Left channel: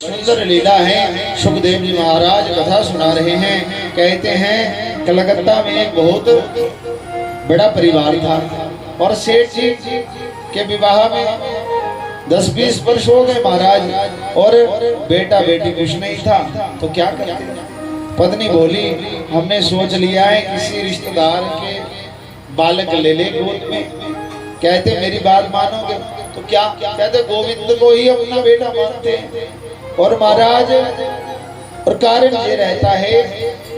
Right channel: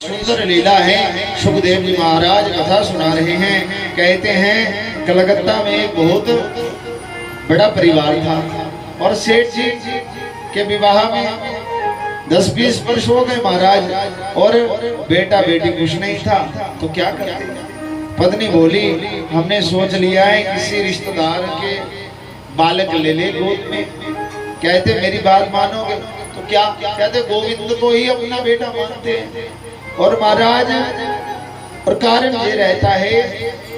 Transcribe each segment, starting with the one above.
सुंदर लीला है। सुखदेव जी महाराज कथा सुना रहे हैं। कहते हैं कलकत्ता में एक बहुत बड़ा परिवार था और सेठ जी के विवाह में 10-20 वर्ष हो गए महाराज, और बेटा बेटी कुछ नहीं था। तो क्या करते? पत्नी बोली हमने सोच लिया है किसी रिश्तेदार के बालक ले ले गोद में। कहते मेरी बात मानोगे? तो क्या कहते गोविंद को ही अपना बेटा मानते हैं। और महाराज और कारण ये रहता है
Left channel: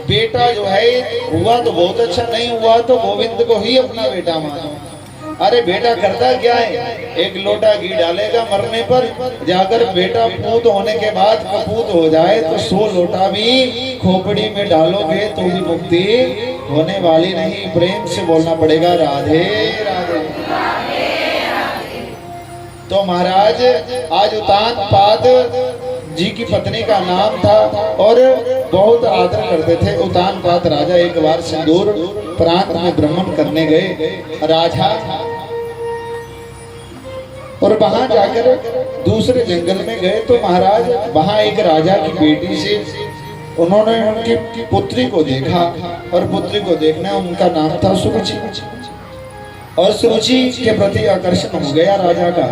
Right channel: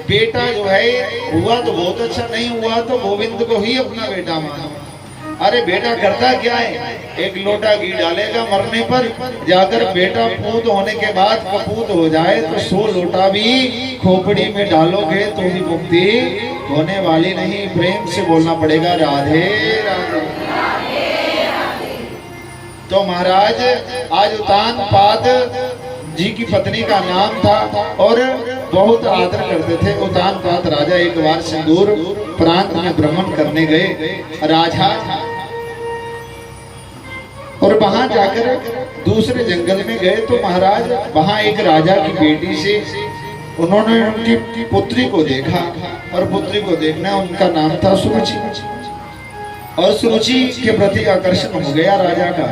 बेटा जो है हुआ तो बहुत अच्छा, नहीं हुआ तो गोविंद को ही अपना बेटा मानो। अरे बेटा करता क्या है, एक लोटा घी डालेगा मरने पर, जाकर बेटा पूत होने के बाद कपूत हो जाए तो 100 लोटा भी खोपड़ी में डालोगे तो भी मुक्ति होने वाली नहीं। प्रेम से बोलना पड़ेगा राधे राधे। तो महाराज आज उतान पाद जी की पत्नी का नाम था और बहुत आदर करते थे। उतान पाद राजा एक बार सिंदूर प्रांत में भ्रमण करने गए राजा, और वहां जाकर दूसरे जंगल में गए तो महाराज वहां एक राजा की बेटी से उन्होंने उनकी पुत्री को देखा, और पुत्री को देखना उनका नाम था सुरुचि, और सुरुचि के प्रति आकर्षण हो गया राजा का।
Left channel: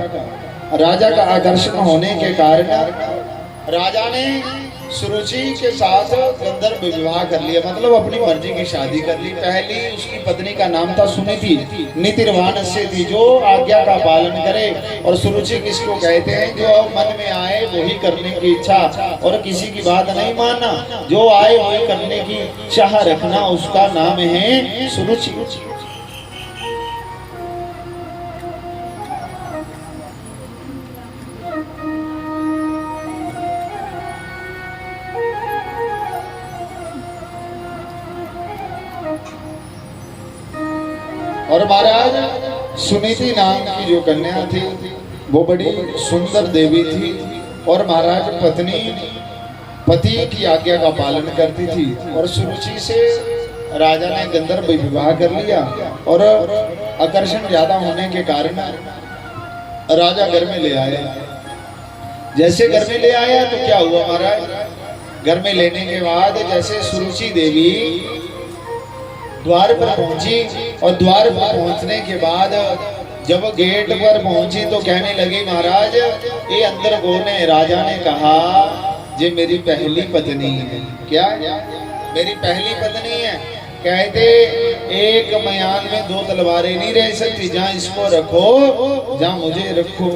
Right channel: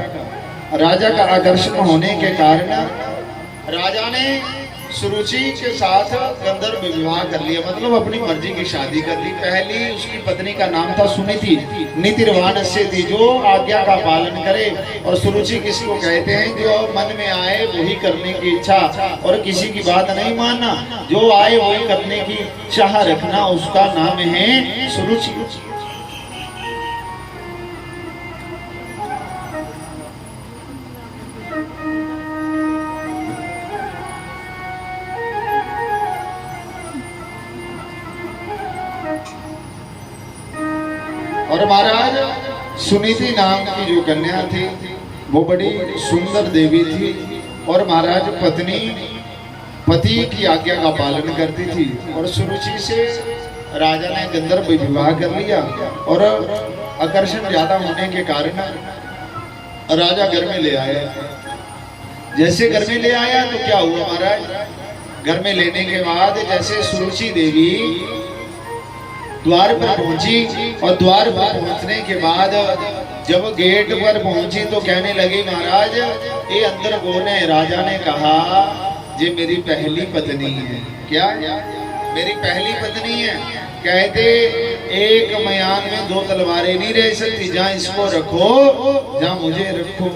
राजा का आकर्षण होने के कारण राजा ने सुरुचि के साथ गंधर्व विवाह कर लिया, मतलब अपनी मर्जी की शादी कर ली। पहली उसकी पत्नी का नाम था सुनीति, नीतिर्वाण से थी, जो आज्ञा का पालन करे। और सुरुचि किसको कहते हैं? जो मन में आए वही करने की इच्छा और किसी की बात नहीं मानना, जो आए वही करने की चाह रखना, उसका नाम है सुरुचि। और महाराज सुनीति नाम की जो कन्या थी वो बड़ी सुंदर देवी थी, और महाराज पत्नी पति की आज्ञा का पालन करती थी। और सुरुचि से राजा ने गंधर्व विवाह कर लिया, और आकर्षण ज्यादा होने के कारण राजा घर में ले आया। जैसे घर में ले आया तो क्या हुआ महाराज, घर में लेने के बाद जैसे सुरुचि देवी द्वार पर पहुंची, और द्वार पर पहुंचने के बाद जब गेट पर पहुंची तो कहने लगी महाराज ये अंदर कौन है? राजा ने कहा ये मेरी पहली पत्नी है। क्या? मेरी पहली पत्नी है। कहते एक मयान में 2 तलवारें नहीं रह सकती, जहाँ इसको रखो जहाँ मुझे रखो।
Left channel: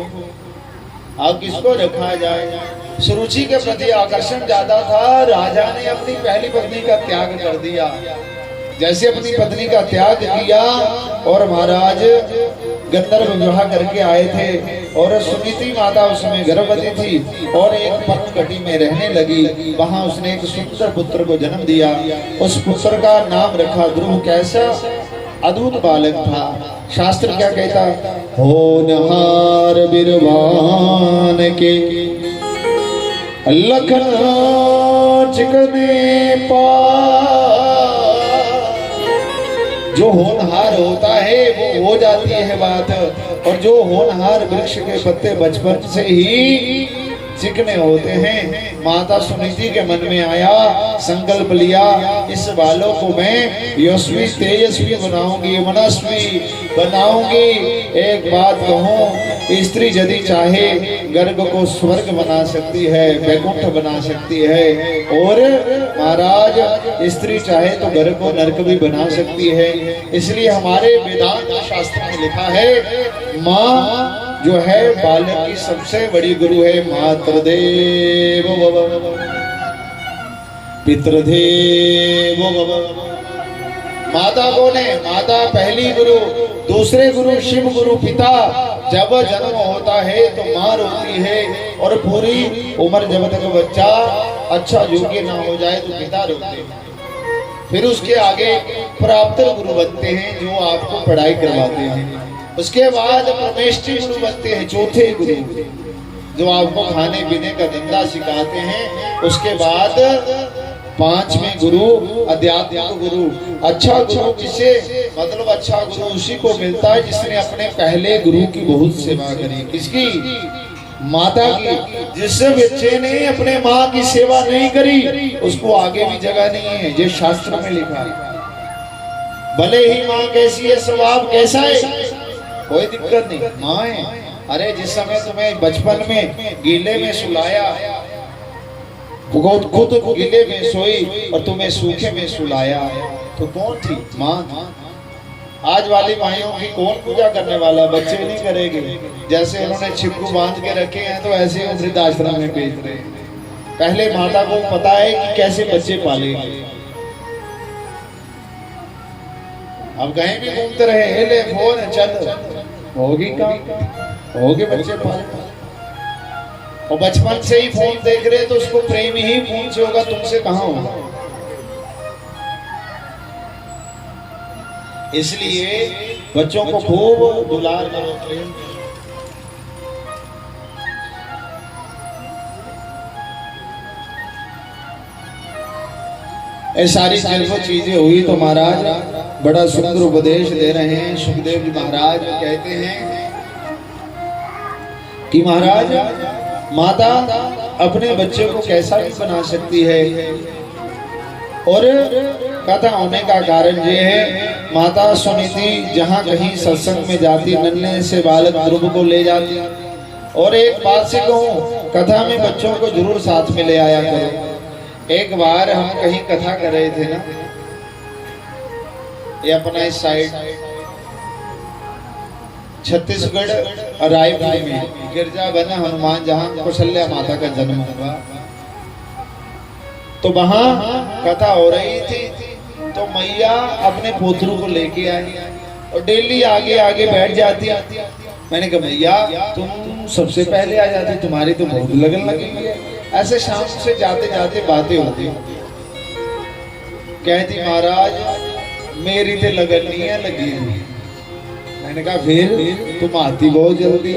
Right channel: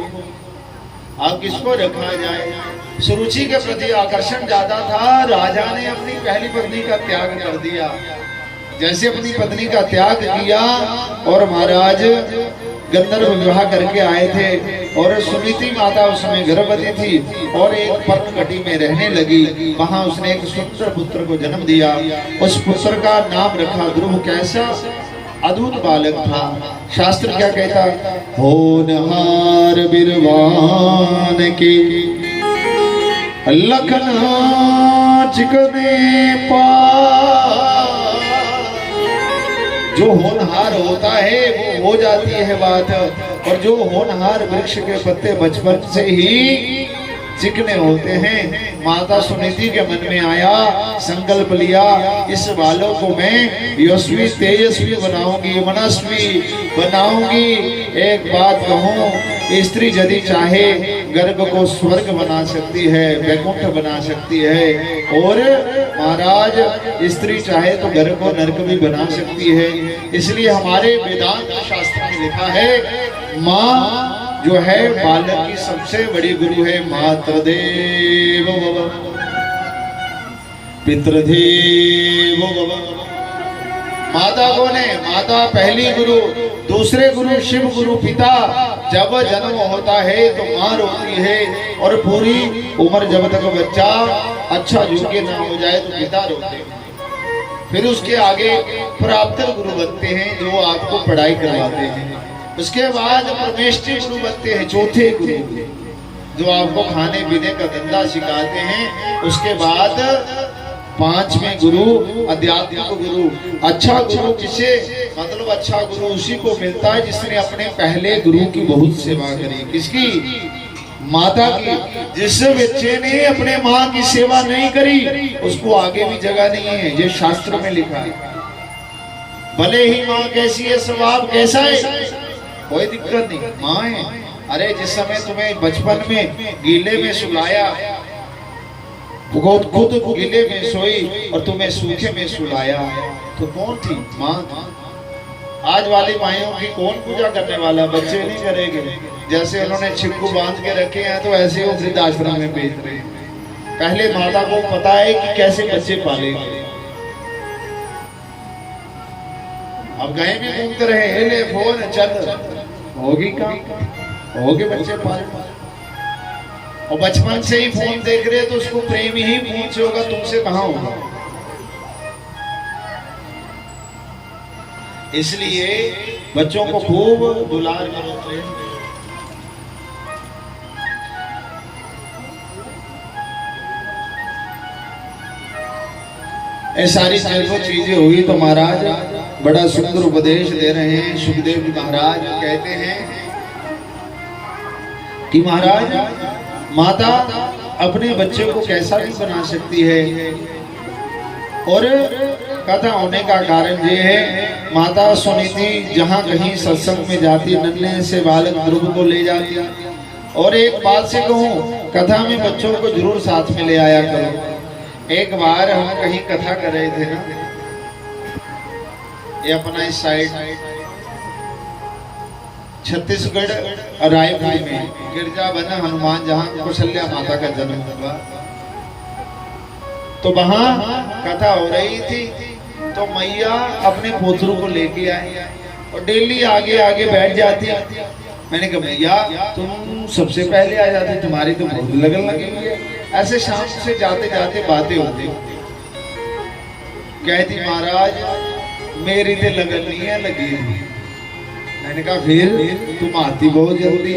अब किसको रखा जाए? सुरुचि के प्रति आकर्षण ज्यादा था, राजा ने अपनी पहली पत्नी का त्याग कर दिया। जैसे अपनी पत्नी का त्याग किया और महाराज गंधर्व विवाह करके आए थे, और सुनीति माता उस समय गर्भवती थी और एक पर्णकटी में रहने लगी। वहां उसने एक सुंदर पुत्र को जन्म दिया। उस पुत्र का नाम रखा ध्रुव। कैसा अद्भुत बालक था। शास्त्र क्या कहता? होनहार बिरवान के लखना चिकने पा। जो होनहार होता है वो हो जाती है बात, और जो होनहार वृक्ष के पत्ते बचपन से ही चिकने होते हैं। माता सुनीति के मन में आया, संकल्प लिया इस बालों को मैं यशस्वी तेजस्वी बनाऊंगी, मनस्वी बनाऊंगी। एक बात कहूं, स्त्री यदि चाहे गर्भ को स्वर्ग बना सकती है, वैकुंठ बना सकती है, और महाराज स्त्री चाहे तो घर को नरक भी बना सकती है। इसलिए हमारे वेदांत शास्त्र में लिखा है माँ जो है बालक की सबसे बड़ी गुरु है। मातृदेव भव पितृदेव भव। माता कौन है? माता पहली गुरु। दूसरे गुरु शिव गुरु पिता। जब जन्म होता है तो माँ रोती है, और पूरी उम्र जब तक बच्चा अच्छा योग्य ना हो जाए तो पिता रोते हैं। फिर उसके आगे प्राप्तर गुरु बनते हैं जो आपको पढ़ाई करवाते हैं। उसके बाद परमेष्ठी गुरु बनते हैं, चौथे गुरु जो आपको खाने पीने का धंधा सिखाते हैं। उसके बाद 5वें गुरु अध्यात्मिक गुरु। अच्छा गुरु किसे? मतलब अच्छा गुरु उसी को मिलता है जिसने अपने पहले गुरु की बहुत सेवा करी। किसकी? माता की। जिस बच्चे ने अपने माँ की सेवा नहीं करी उसको आगे भी जगह नहीं है, ये शास्त्र में लिखा है। भले ही माँ कैसी है, स्वभाव कैसा है, कोई दिक्कत नहीं, माँ है। अरे जिस समय तुम्हें बचपन में गीले में सुलाया, खुद गीले में सोई और तुम्हें सूखे में सुलाया, तो कौन थी? माँ। आज वाली माइयों की कौन पूजा करने वाला? बच्चे नहीं करेंगे। जैसे उन्होंने छिपकू बांध के रखे हैं तो ऐसे वो वृद्धाश्रम में भेज रहे हैं। पहले माता को पता है कि कैसे बच्चे पालेंगे। अब कहीं भी घूमते रहे, ले फोन चल, होगी काम, होगे बच्चे पाले। और बचपन से ही फोन देख रहे तो उसको प्रेम ही फोन से होगा, तुमसे कहां होगा। इसलिए बच्चों को खूब दुलार करो, प्रेम। ये सारी चीजें हुई तो महाराज बड़ा सुंदर उपदेश दे रहे हैं। सुखदेव जी महाराज कहते हैं कि महाराज माता अपने बच्चे को कैसा भी बना सकती है। और कथा होने का कारण ये है, माता सुनीति जहाँ कहीं सत्संग में जाती, नन्हे से बालक ध्रुव को ले जाती। और एक बात से कहूँ, कथा में बच्चों को जरूर साथ में ले आया करो। एक बार हम कहीं कथा कर रहे थे ना, ये अपना इस साइड छत्तीसगढ़ रायपुर में गिरजा बना हनुमान, जहाँ कौशल्या माता का जन्म हुआ, तो वहां कथा हो रही थी। तो मैया अपने पोतरू को लेके आई और डेली आगे आगे बैठ जाती। मैंने कहा मैया तुम सबसे पहले आ जाती, तुम्हारी तो बहुत लगन लगी हुई है। ऐसे शाम से जाते जाते बातें होती। कहती महाराज मेरी तो लगन नहीं है लगी। मैंने कहा फिर तुम आती बहुत जल्दी।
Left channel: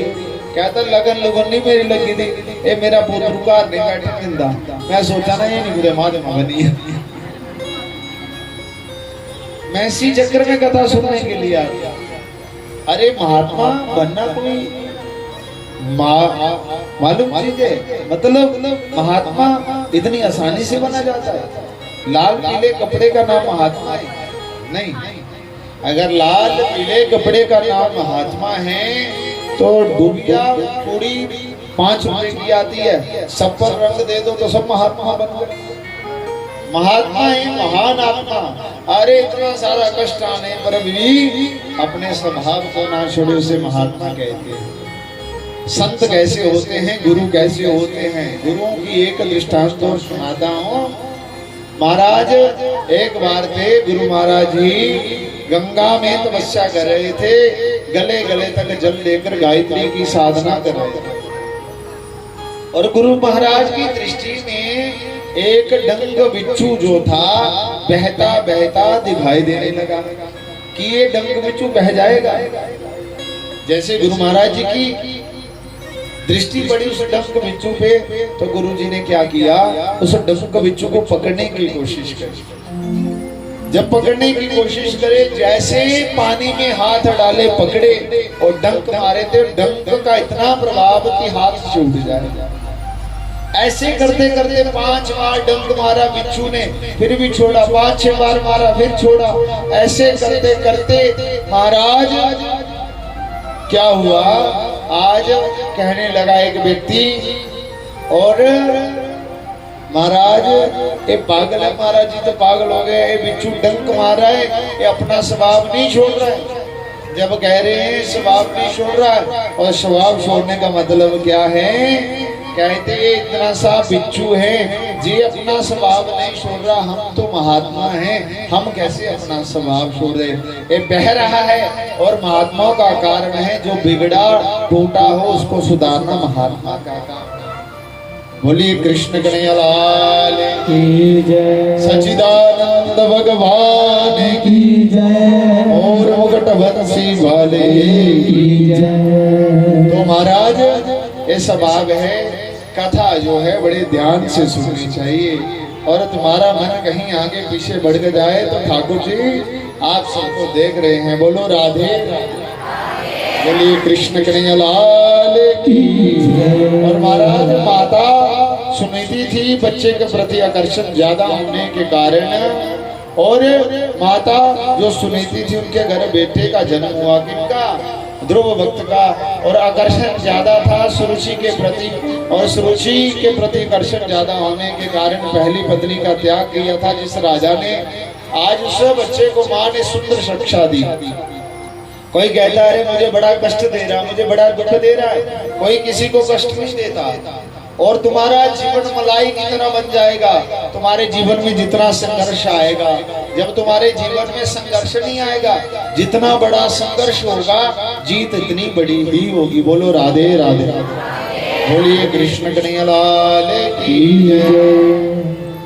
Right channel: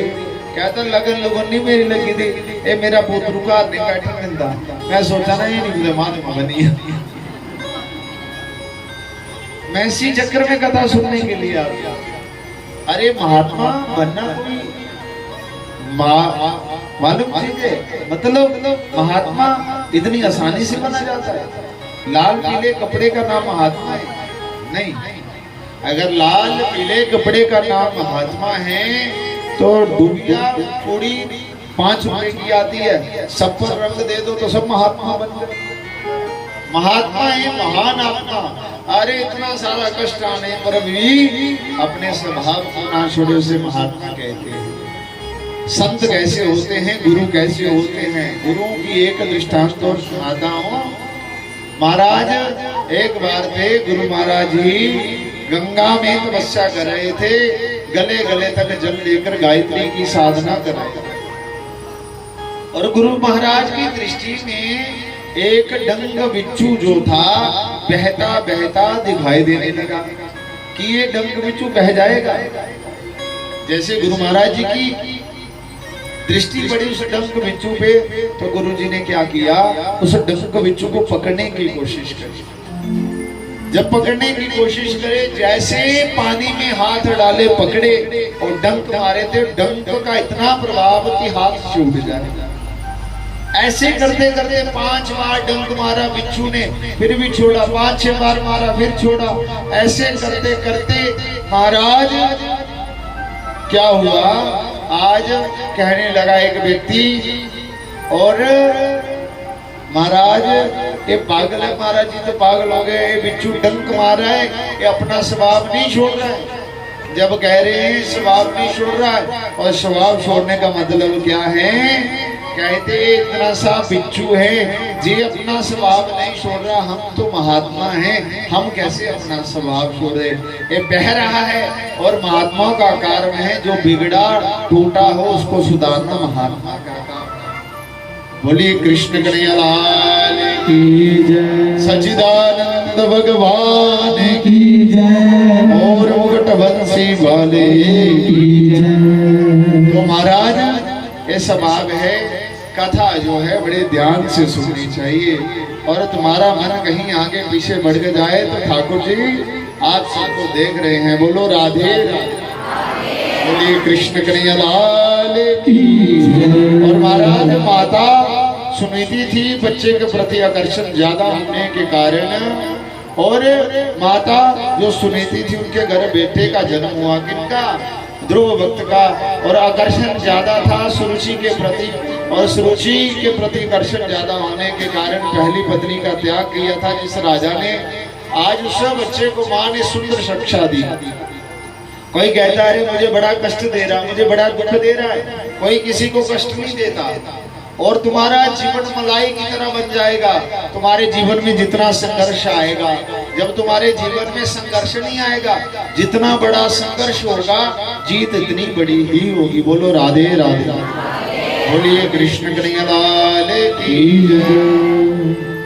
कहता लगन लगन नहीं मेरी लगी थी, ए मेरा पुत्र का नहीं बैठा मिलता। मैं सोचा ना ये नहीं बुरे माँ बनी है। मैं इसी चक्कर में कथा सुनने के लिए आ गया। अरे महात्मा बनना कोई मालूम चीज है? मतलब महात्मा इतनी आसानी से बना जाता है? लाल पीले कपड़े का नाम महात्मा है? नहीं। अगर लाल पीले कपड़े का नाम महात्मा है तो दुनिया पूरी 5 रुपए की आती है, सब पर रंग दे दो तो सब महात्मा बन गए। महात्मा है महान आत्मा। अरे इतना सारा कष्ट आने पर भी अपने स्वभाव को ना छोड़े उसे महात्मा कहते हैं। संत कैसे होते हैं, गुरु कैसे होते हैं, गुरुओं की एक दृष्टांत तो सुनाता हूँ। महाराज एक बार थे गुरु महाराज जी गंगा में तपस्या कर रहे थे, गले गले तक जल लेकर गायत्री की साधना कर रहे थे। और गुरु महाराज की दृष्टि में एक डंग बिच्छू जो था बहता बहता दिखाई देने लगा कि ये डंग बिच्छू बह जाएगा। जैसे गुरु महाराज जी की दृष्टि पड़ी उस डंक बिच्छू पे, तो गुरुजी ने क्या किया, उस डंक बिच्छू को पकड़ने की कोशिश करी। जब पकड़ने की कोशिश करे, जैसे पानी में हाथ डाले पकड़े और डंक मारे थे, डंक का इतना प्रभाव कि हाथ छूट जाए। ऐसे करते करते 5 बार डंक मारा बिच्छू ने, फिर भी छोड़ा, 5-6 बार मारा, फिर छोड़ा। ऐसे करते करते महाराज क्या हुआ, आज कहने लगा एक व्यक्ति, और महाराज ये पागल है, महाराज जी तो पागल हो गए, ये बिच्छू डंक मारा है, ये अपना स्वभाव नहीं छोड़ रहा है। जब कह रहे हैं स्वभाव नहीं छोड़ रहा है, और स्वभाव छोड़ने का मतलब क्या है, कहते इतना सा बिच्छू है जी अपना स्वभाव नहीं छोड़ रहा, हम तो महात्मा हैं, हम कैसे अपना स्वभाव छोड़े। ये बह रहा है और महात्माओं का कार्य है, जो बिगड़ा टूटा हो उसको सुधारना महात्मा का काम है। बोलिए कृष्ण कन्हैया लाल की जय, सच्चिदानंद भगवान की जय, और मुकुट बंसी वाले की जय। तो महाराज ये स्वभाव है, कथा जो है बड़े ध्यान से सुननी चाहिए। और तुम्हारा मन कहीं आगे पीछे बढ़ के जाए तो ठाकुर जी आप सबको देख रहे हैं। बोलो राधे राधे, बोलिए कृष्ण कन्हैया लाल। की जय। और महाराज माता सुनीति थी, बच्चे के प्रति आकर्षण ज्यादा होने के कारण, और माता जो सुनीति थी उनके घर बेटे का जन्म हुआ, किनका? ध्रुव भक्त का। और आकर्षण ज्यादा था सुरुचि के प्रति, और सुरुचि के प्रति आकर्षण ज्यादा होने के कारण पहली पत्नी का त्याग किया था जिस राजा ने। आज उस बच्चे को माँ ने सुंदर शिक्षा दी। कोई कहता है मुझे बड़ा कष्ट दे रहा, मुझे बड़ा दुख दे रहा है, कोई किसी को कष्ट नहीं देता। और तुम्हारा जीवन मलाई की तरह बन जाएगा। तुम्हारे जीवन में जितना संघर्ष आएगा, जब तुम्हारे जीवन में संघर्ष नहीं आएगा, जितना बड़ा संघर्ष होगा जीत इतनी बड़ी ही होगी। बोलो राधे राधे। बोलिए कृष्ण कन्हैया लाल की जय।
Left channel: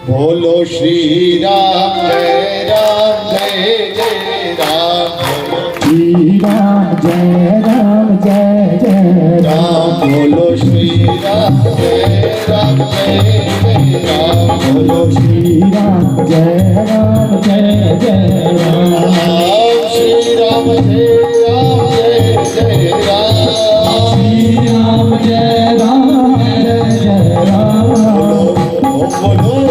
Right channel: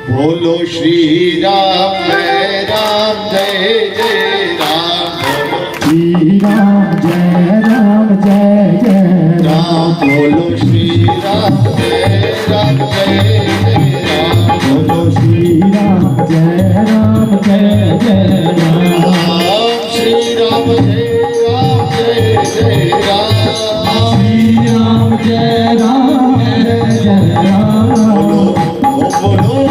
बोलो श्री राम जय राम जय जय राम। श्री राम जय राम जय जय राम। बोलो श्री राम जय राम जय जय राम। बोलो श्री राम जय राम जय जय राम। श्री राम जय राम जय जय राम। श्री राम जय राम जय जय राम। बोलो बोलो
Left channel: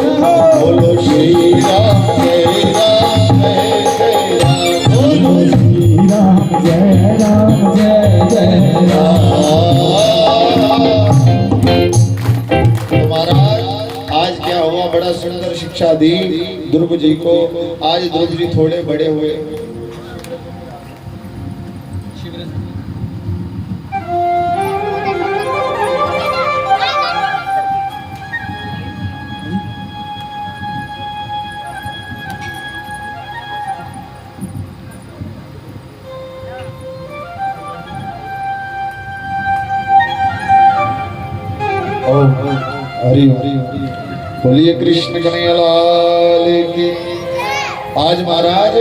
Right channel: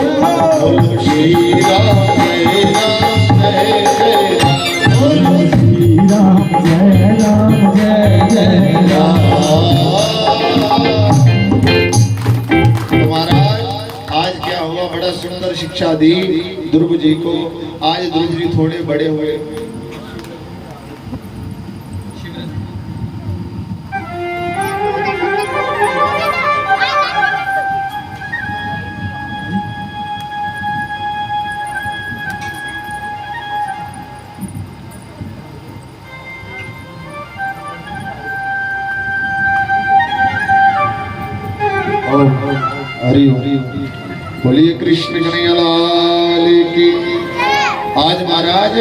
बोलो श्री राम जय राम जय जय राम। बोलो श्री राम जय राम जय जय राम। महाराज आज क्या हुआ, बड़ा सुंदर शिक्षा दी ध्रुव जी को। आज ध्रुव जी थोड़े बड़े हुए। हरि बोलिए कृष्ण कन्हैया लाल की। आज महाराज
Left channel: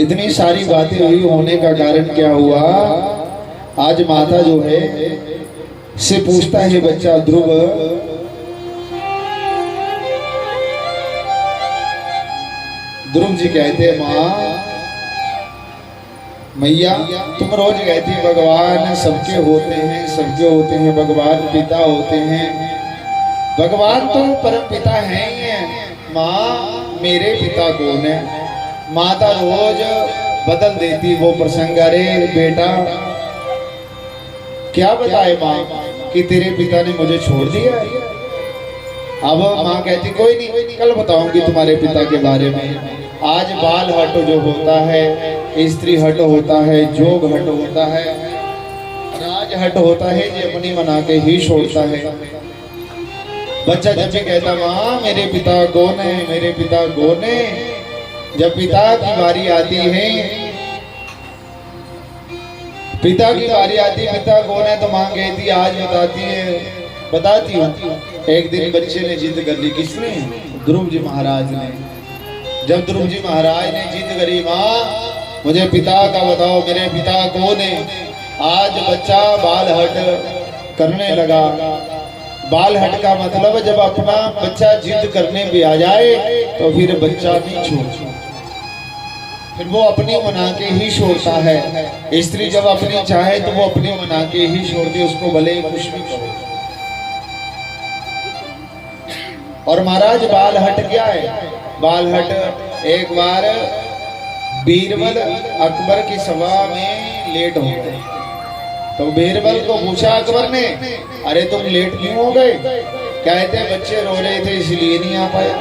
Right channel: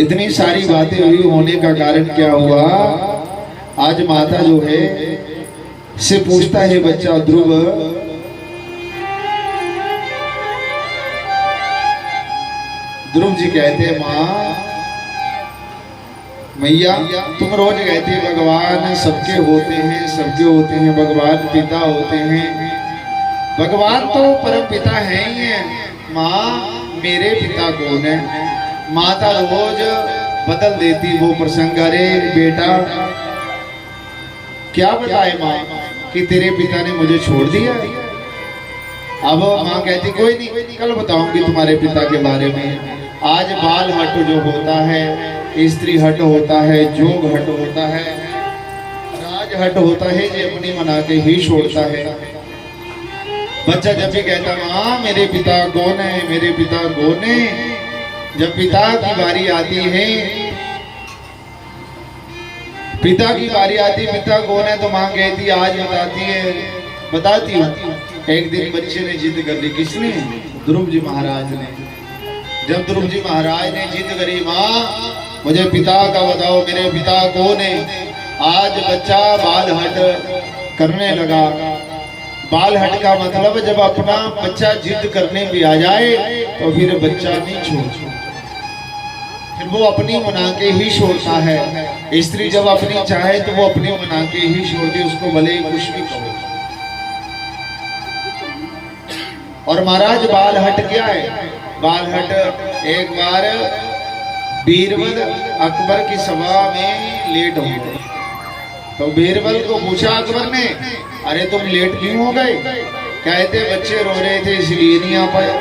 इतनी सारी बातें हुई होने का कारण क्या हुआ? आज माता जो है से पूछता है बच्चा ध्रुव, ध्रुव जी कहते हैं माँ मैया तुम रोज कहती भगवान सबके होते हैं, सबके होते हैं, भगवान पिता होते हैं। भगवान तो परम पिता है ही है, माँ मेरे पिता कौन है? माता रोज बदल देती वो प्रसंग। अरे बेटा क्या बताए माँ कि तेरे पिता ने मुझे छोड़ दिया। अब माँ कहती कोई नहीं, कल बताऊंगी तुम्हारे पिता के बारे में। आज बाल हट जो होता है, स्त्री हट होता है, जोग हट होता है, राज हट होता है, ये अपनी मना के ही छोड़ता है। बच्चा जब भी कहता माँ मेरे पिता कौन है, मेरे पिता कौन है, जब पिता की बारी आती है, पिता की बारी आती, पिता कौन है तो माँ कहती आज बताती है, बताती हूँ। एक दिन बच्चे ने जिद कर ली, किसने? ध्रुव जी महाराज ने। जब ध्रुव जी महाराज ने जिद करी माँ मुझे पिता का बताओ, मेरे पिता कौन है, आज बच्चा बाल हट करने लगा। बाल हट का मतलब जब अपना बच्चा जिद करने भी आ जाए तो फिर बच्चा नहीं छोड़, फिर वो अपनी मना के ही छोड़ता है। स्त्री जब अपनी चाहे तो वो अपनी मना के ही छोड़ती, उसको भले ही कुछ भी कहो। और महाराज बाल हट क्या है? बाल हट एक बार बीरबल अकबर की सभा में लेट हो गए, तो बीरबल को पूछा अकबर ने, अरे तुम लेट क्यों हो गए? कहते बच्चे रो रहे थे इसलिए नहीं आ पाए,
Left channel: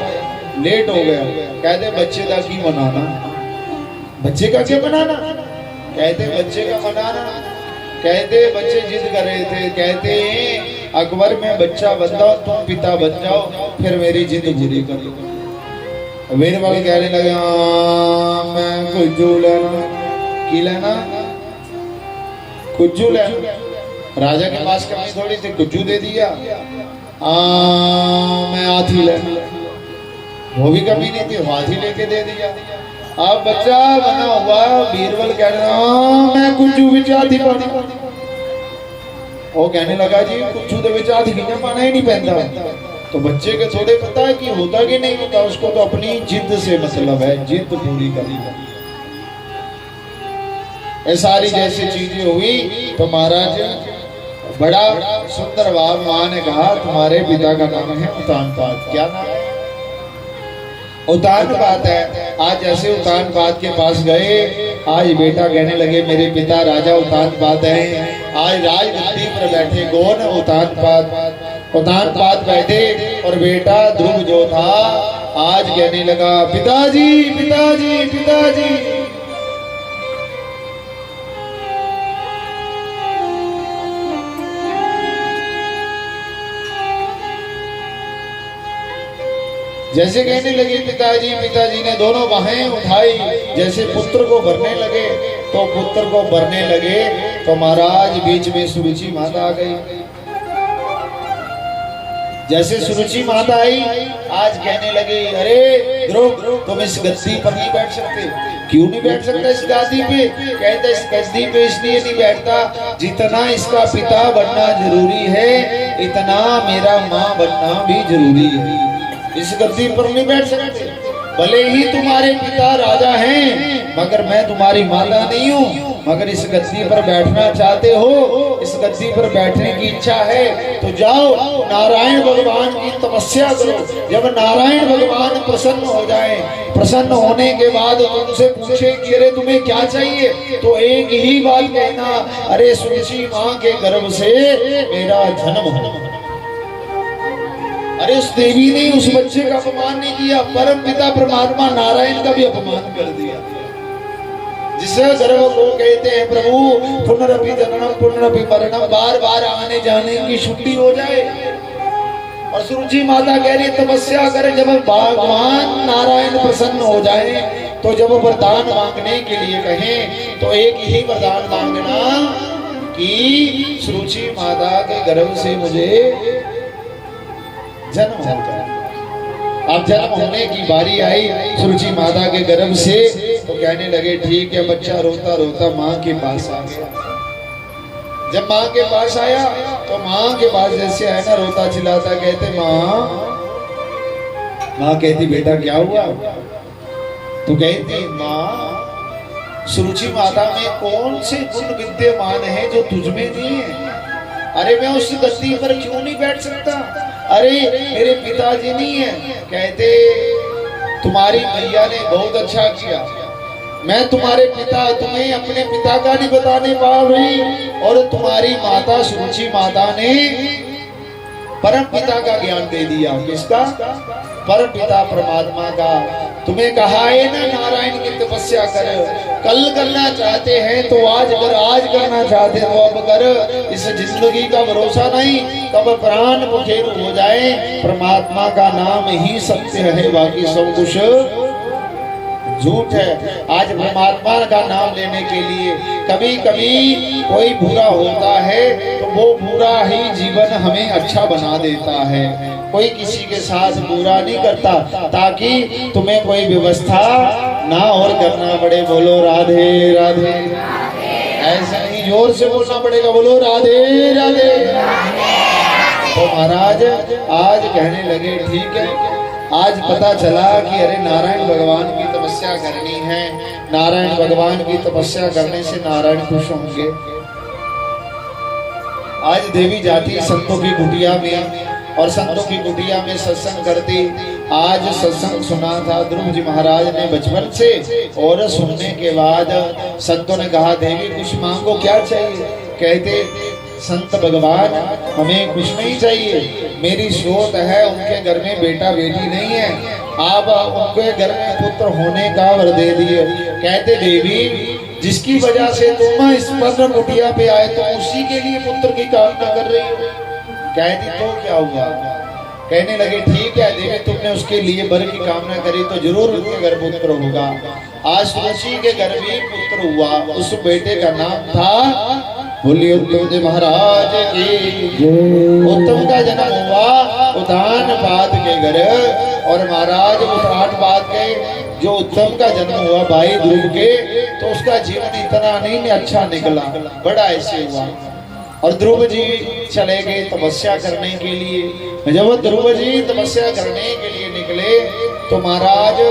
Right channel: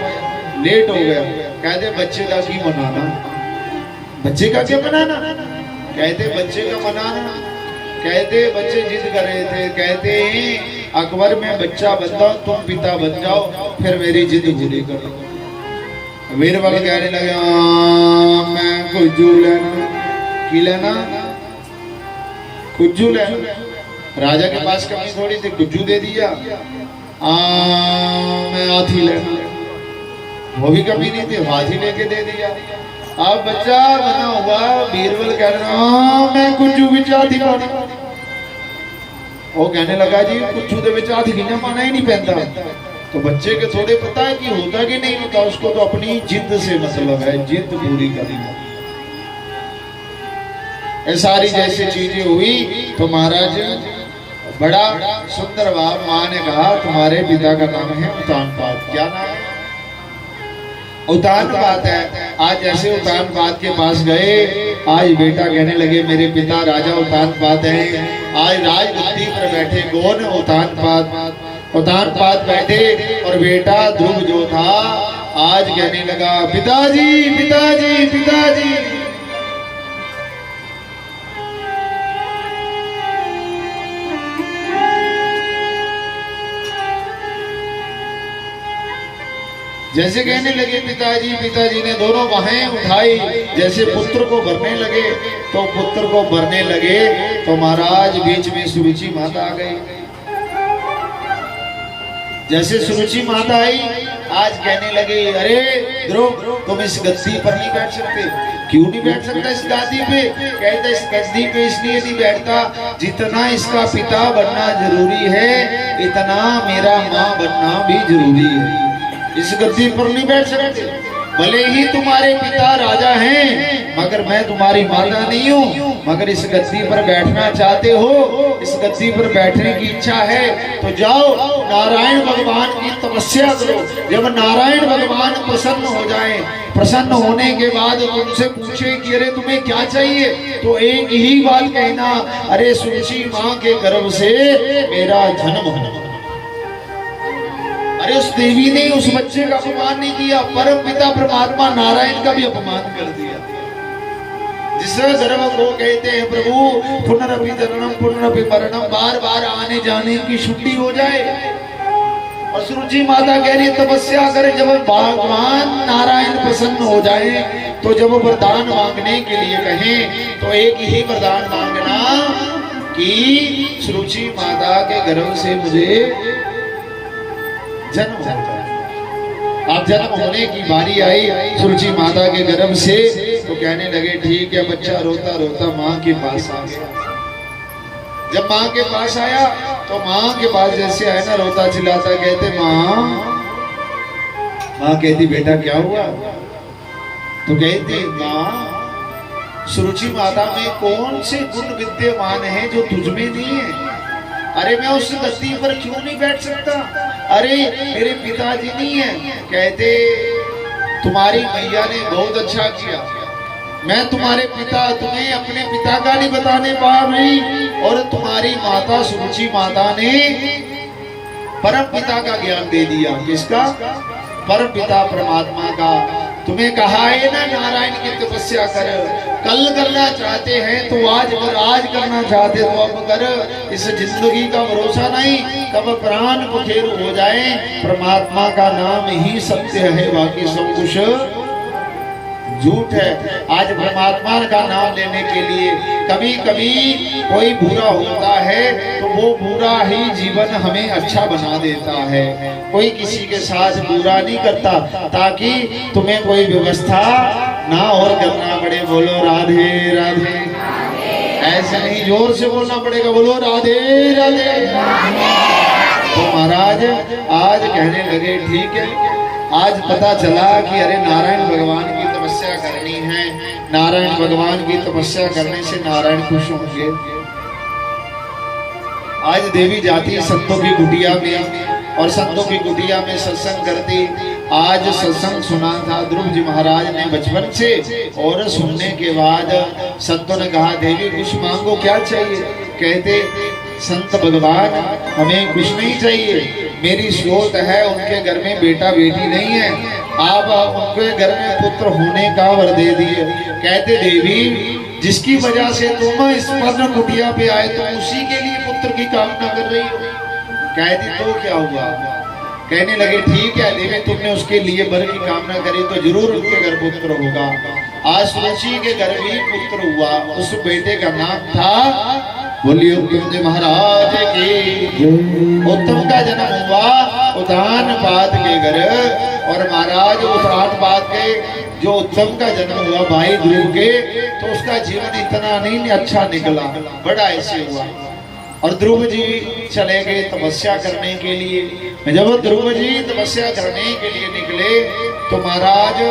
लेट हो गया। कहते बच्चे का क्यों मनाना, बच्चे का क्यों मनाना? कहते बच्चे का मनाना, कहते बच्चे जिद कर रहे थे, कहते अकबर में बच्चा बन जाओ, तुम पिता बन जाओ, फिर मेरी जिद पूरी कर लो। बीरबल कहने लगे मैं कुज्जू लेना, की लेना? कुज्जू लेना। राजा के पास कमी थोड़ी थी, कुज्जू दे दिया। मैं हाथी लेना, वो भी कमी नहीं थी, हाथी लेके दे दिया। अब बच्चा बना हुआ, बीरबल कह रहा मैं कुज्जू बिच हाथी पाना। वो कहने लगा जी कुज्जू दे बिच हाथी नहीं पाना ही नहीं पैंदा। तो बच्चे के थोड़े पता है कि होता कि नहीं होता, उसको तो अपनी जिद से मतलब है, जिद पूरी करनी है। ये सारी जैसी चीजें हुई तो महाराज बड़ा सुंदर भाव माँ ने कहा तुम्हारे पिता का नाम है उतानपाद। क्या नाम है? उतानपाद है। आज जैसे उतानपाद के पास गए, आज बेटा कहने लगे मेरे पिता राजा उतानपाद हैं। आज राजगद्दी पर बैठे कौन? उतानपाद। उतानपाद बैठे और बेटा ध्रुव जो था आज कहने लगा पिताजी पिताजी पिताजी। जैसे कहने लगे पिताजी पिताजी ने दोनों बाहें उठाई, जैसे पुत्र को भरने लगे तो पुत्र को भरने लगे तो महाराज बीच में सुरुचि माता आ गई। जैसे सुरुचि माता आई आज कहने लगी अरे ध्रुव तुम इस गद्दी पर नहीं बैठ सकते। क्यों नहीं बैठ सकता इस गद्दी पे? कहता इस गद्दी पे इसलिए नहीं बैठता जितना इसका पिता बनना जरूरी है इतना मेरा माँ बनना भी जरूरी है। इस गद्दी पर नहीं बैठ सकते। भले ही तुम्हारे पिता राजा हैं मगर मैं तुम्हारी माता नहीं हूँ। मगर इस गद्दी पर बैठना चाहते हो, इस गद्दी पर बैठने की इच्छा है तो जाओ नारायण भगवान की तपस्या करो। जब नारायण भगवान प्रसन्न हो जाए, प्रसन्न होने के बाद तुमसे पूछे कि अरे तुम्हें क्या चाहिए तो एक ही बात कहना अरे सुरुचि माँ के गर्भ से मेरा जन्म हो। अरे उस देवी ने उस बच्चे का अपमान नहीं किया, परम पिता परमात्मा नारायण का भी अपमान कर दिया। जिस गर्भ को कहते हैं प्रभु पुनरपि जननम पुनरपि मरणम, बार बार आने जाने की छुट्टी हो जाए। और सुरुचि माता कह रही तपस्या करे, जब भगवान नारायण प्रसन्न हो जाए तो जब वरदान मांगने के लिए कहें तो एक ही वरदान मांगना कि सुरुचि माता के गर्भ से मुझे जन्म हो जाए। अब जन्म होने की बारी आई सुरुचि माता के गर्भ से तो कहने लगे ठीक है। बच्चा रोता रोता माँ के पास आ गया। जब माँ के पास आया तो माँ के पास जैसे आया ना रोता चिल्लाता, कहते माँ कहती बेटा क्या हुआ? तो कहती माँ सुरुचि माता में कौन से गुण विद्यमान है जो तुझ में नहीं है? अरे मैं उस गद्दी पर क्यों नहीं बैठ सकता? अरे मेरे पिताजी नहीं है। कहते तुम्हारी मैया ने बहुत अच्छा किया, मैं तुम्हारे पिता तुम्हें अपने पिता का नहीं बताने पा रही और तुम्हारी माता सुरुचि माता ने परम पिता का ज्ञान दे दिया। किसका? परम पिता परमात्मा का। तुम्हें कहा है ना नारायण की तपस्या कर, कल करना चाहते हैं तो आज कर, आज करना चाहते तो अब कर। इस जिंदगी का भरोसा नहीं, कब प्राण पखेरु हो जाए। परमात्मा का नाम ही सत्य है, बाकी सब कुछ झूठ है। आज परमात्मा का नाम लेने के लिए कभी कभी कोई बुरा होता है तो वो बुरा ही जीवन हमें अच्छा बना देता है। कोई किसी के साथ बुरा नहीं करता ताकि तुम्हें कोई व्यवस्था ना और करना पड़े। बोलो राधे राधे। ऐसे नहीं जोर से बोलना पड़ेगा, बोलो राधे राधे। तो महाराज आज कहने लगे ठीक है। आज पता चला कि अरे नारायण भगवान की तपस्या करनी है, नारायण भगवान की तपस्या करने से नारायण खुश होंगे। आज देवी जाती संतों की कुटिया में और संतों की कुटिया में सत्संग करती। आज सत्संग सुना था ध्रुव जी महाराज ने बचपन से और सुनने के बाद संतों ने कहा देवी कुछ मांगो, क्या चाहिए? कहते संत भगवान हमें कुछ नहीं चाहिए, मेरी सोच है उनके घर में बेटा बेटी नहीं है, आप उनके घर में पुत्र होने का वर दे दिए। कहते देवी जिसकी वजह से तुम इस पद्म कुटिया पे आए तो उसी के लिए पुत्र की कामना कर रही हो। कहती तो क्या हुआ? कहने लगे ठीक है देवी तुमने उसके लिए वर की कामना करी तो जरूर उनके घर पुत्र होगा। आज सुरुचि के घर भी पुत्र हुआ, उस बेटे का नाम था बोलिए उत्तम जी महाराज की। उत्तम का जन्म हुआ उतानपाद के घर और महाराज उतानपाद के जो उत्तम का जन्म हुआ भाई ध्रुव के तो उसका जीवन इतना नहीं अच्छा निकला, बड़ा ऐसे हुआ। और ध्रुव जी चले गए तपस्या करने के लिए। जब ध्रुव जी तपस्या करने के लिए निकले तो महाराज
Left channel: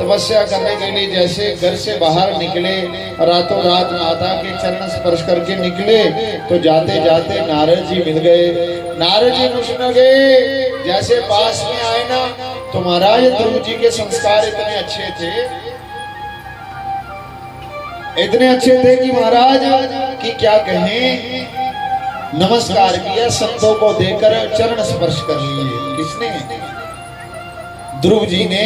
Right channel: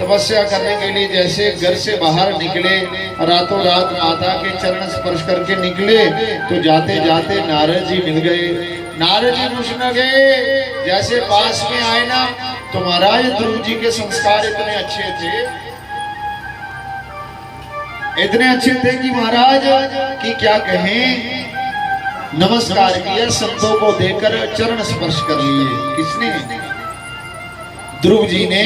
तपस्या करने के लिए जैसे घर से बाहर निकले, रातों रात माता के चरण स्पर्श करके निकले, तो जाते जाते नारद जी मिल गए। नारद जी पूछने गए, जैसे पास में आए ना तो महाराज ध्रुव जी के संस्कार इतने अच्छे थे, इतने अच्छे थे कि महाराज कि क्या कहें, नमस्कार किया, संतों को देकर चरण स्पर्श कर लिए। किसने? ध्रुव जी ने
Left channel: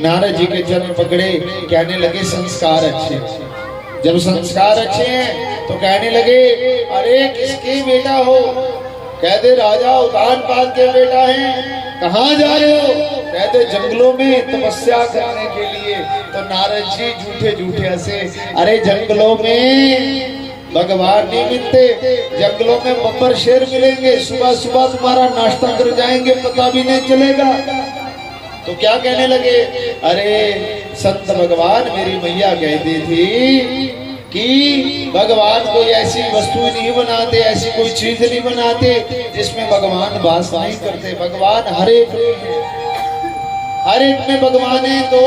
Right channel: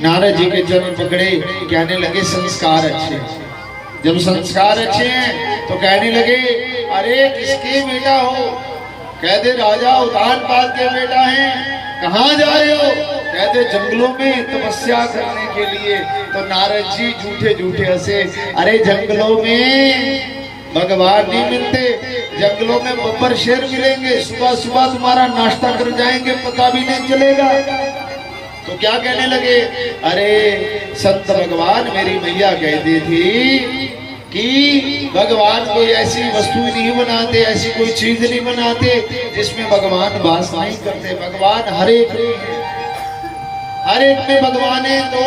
नारद जी के चरण पकड़े, कहने लगे संस्कार अच्छे। जब संस्कार अच्छे हैं तो कहने लगे, अरे किसके बेटा हो? कहते राजा उतानपाद के बेटा हैं। कहाँ जा रहे हो? कहते जंगलों में तपस्या करने के लिए। तो नारद जी झूठे झूठे हंसे, अरे जंगलों में भगवान नहीं मिलते, जंगलों में बब्बर शेर मिलेंगे, सुबह सुबह तुम्हारा नाश्ता कर जाएंगे, पता भी नहीं चलेगा। तो क्या कहने लगे, अरे संत भगवान मेरी मैया कहती थी कि भगवान कोई ऐसी वस्तु नहीं बनाते, ऐसी कोई चीज नहीं बनाते जिसमें भगवान वास नहीं करते। भगवान हर एक में भगवान है। तो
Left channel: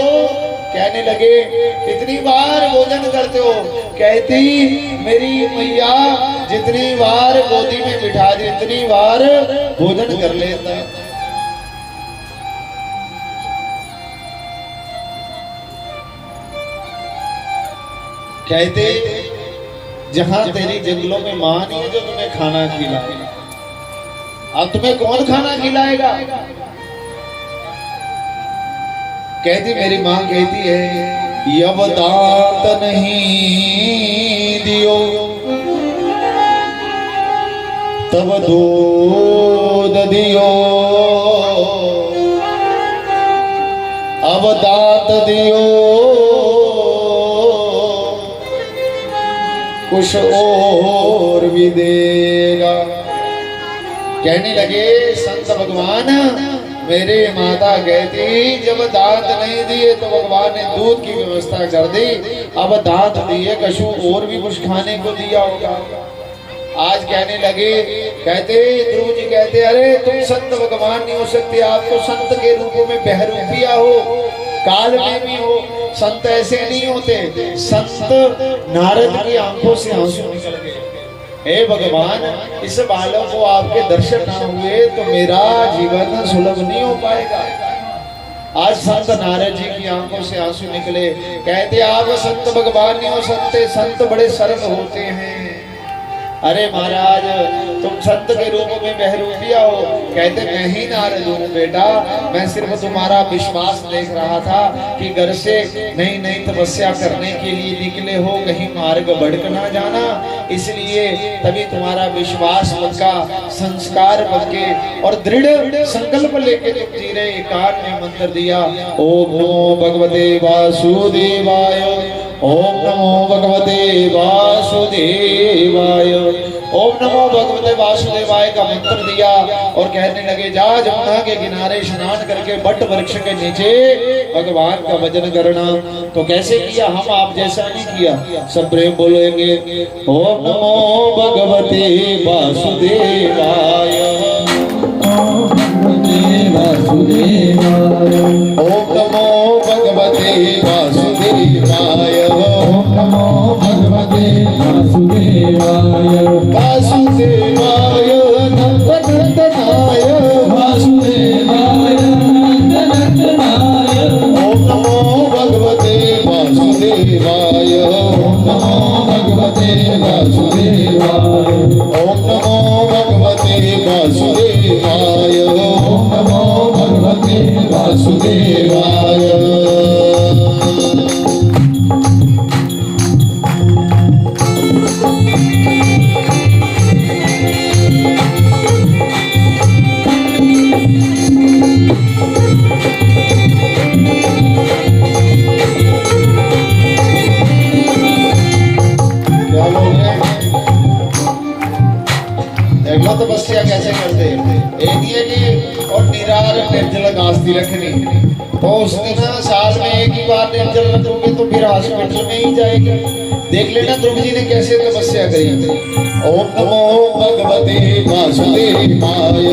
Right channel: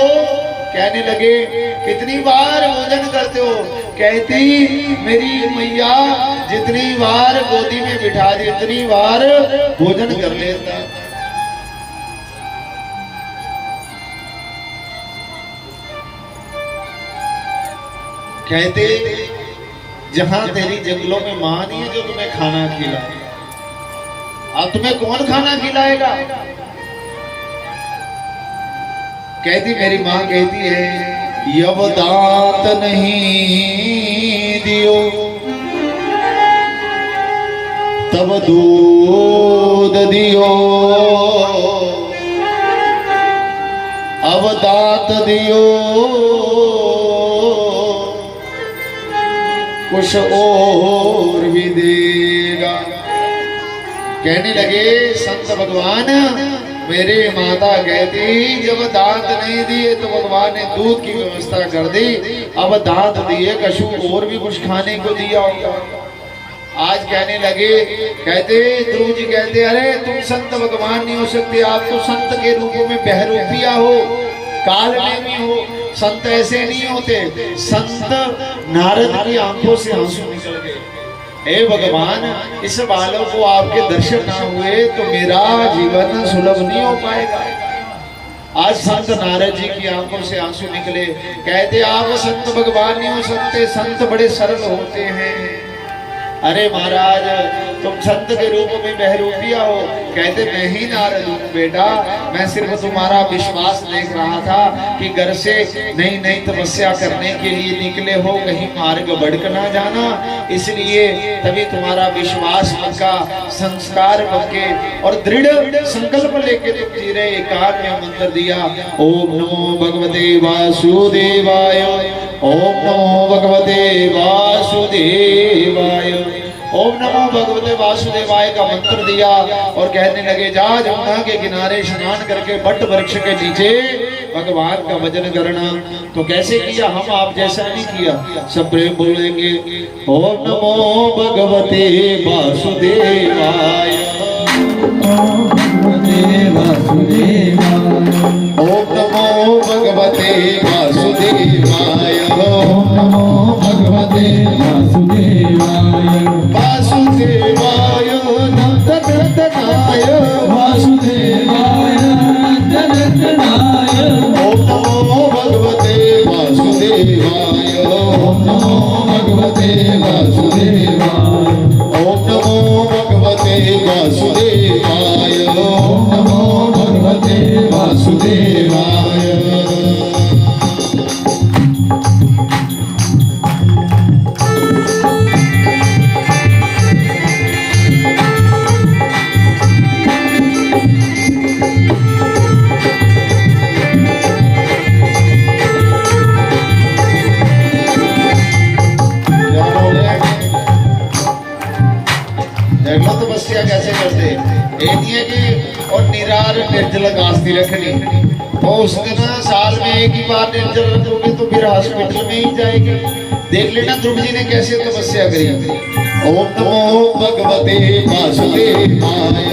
कहने लगे कितनी बार भोजन करते हो? कहती मेरी मैया जितनी बार गोदी में बिठा दी उतनी बार भोजन कर लेते हैं। कहते जहां तेरी जंगलों में मां नहीं है जो तुम्हें खाना खिलाए, अब तुम्हें कौन खाना खिलाएगा? कहती मेरी मां कहती है, यब दांत नहीं दियो तब दूध दियो, अब दांत दियो कुछ और भी देगा। कहने लगे संत भगवान मेरे माता कहती जब दांत नहीं दिए तो भगवान ने दूध की व्यवस्था कर दी, अब दांत दिए कशु और भी कुछ खाने को दिया होगा। आज कहने लगे, कहते ध्रुव जी कहते अरे तुम संत भगवान नहीं हो सकते, आप तो संत के रूपों में बहरूपिया हो, काल में भी हो। संत ऐसे नहीं होते। संत नारद की आंखों से आंसू निकल गए, हे भगवान इस बालक को आपके दर्शन ना हुए तो मेरा जीवन सुलभ नहीं हो पाएगा। आज संत नारद जी की आंखों से आंसू निकले। कहते आप संत भगवान नहीं हो सकते, संत बड़े सरल होते हैं। अरे महाराज तुम संत के रूप में बहरूपिया हो। कहते मैं ही नारद हूँ बेटा, मैं सिर्फ तुम्हारा विश्वास देख रहा था कि घर से नई नई तपस्या करने के लिए निकले हो, कहीं मार्ग भटक ना जाना, इसलिए तभी तुम्हारा विश्वास पक्का, संस्कार पक्के और दृढ़ संकल्प लेके तुम जी रहे। एकांत में मंत्र दिया, ओम नमो भगवते वासुदेवाय, ओम नमो भगवते वासुदेवाय, ओम नमो भगवते वासुदेवाय का मंत्र दिया और कहने लगे जा जमुना के किनारे स्नान करके बट वृक्ष के नीचे भगवान का भजन करना। तो कैसे किया? हम आप जैसा नहीं किया। सब प्रेम बोलेंगे, ओम नमो भगवते वासुदेवाय, ओम नमो भगवते वासुदेवाय, ओम नमो भगवते वासुदेवाय, वासुदेवाय नंदनंदनाय, वासुदेवाय नंदनंदनाय, ओम नमो भगवते वासुदेवाय, ओम नमो भगवते वासुदेवाय, ओम नमो भगवते वासुदेवाय, ओम नमो भगवते वासुदेवाय। तपस्या कैसे करते और निरार निर्जल गास्ती रखनी, तो उस दिन साल में एक ही बार निर्जल रखोगे तो फिर हॉस्पिटल में ही जाएगी। देख लेना ध्रुव जी ने कैसे तपस्या करी। ओम नमो भगवते वासुदेवाय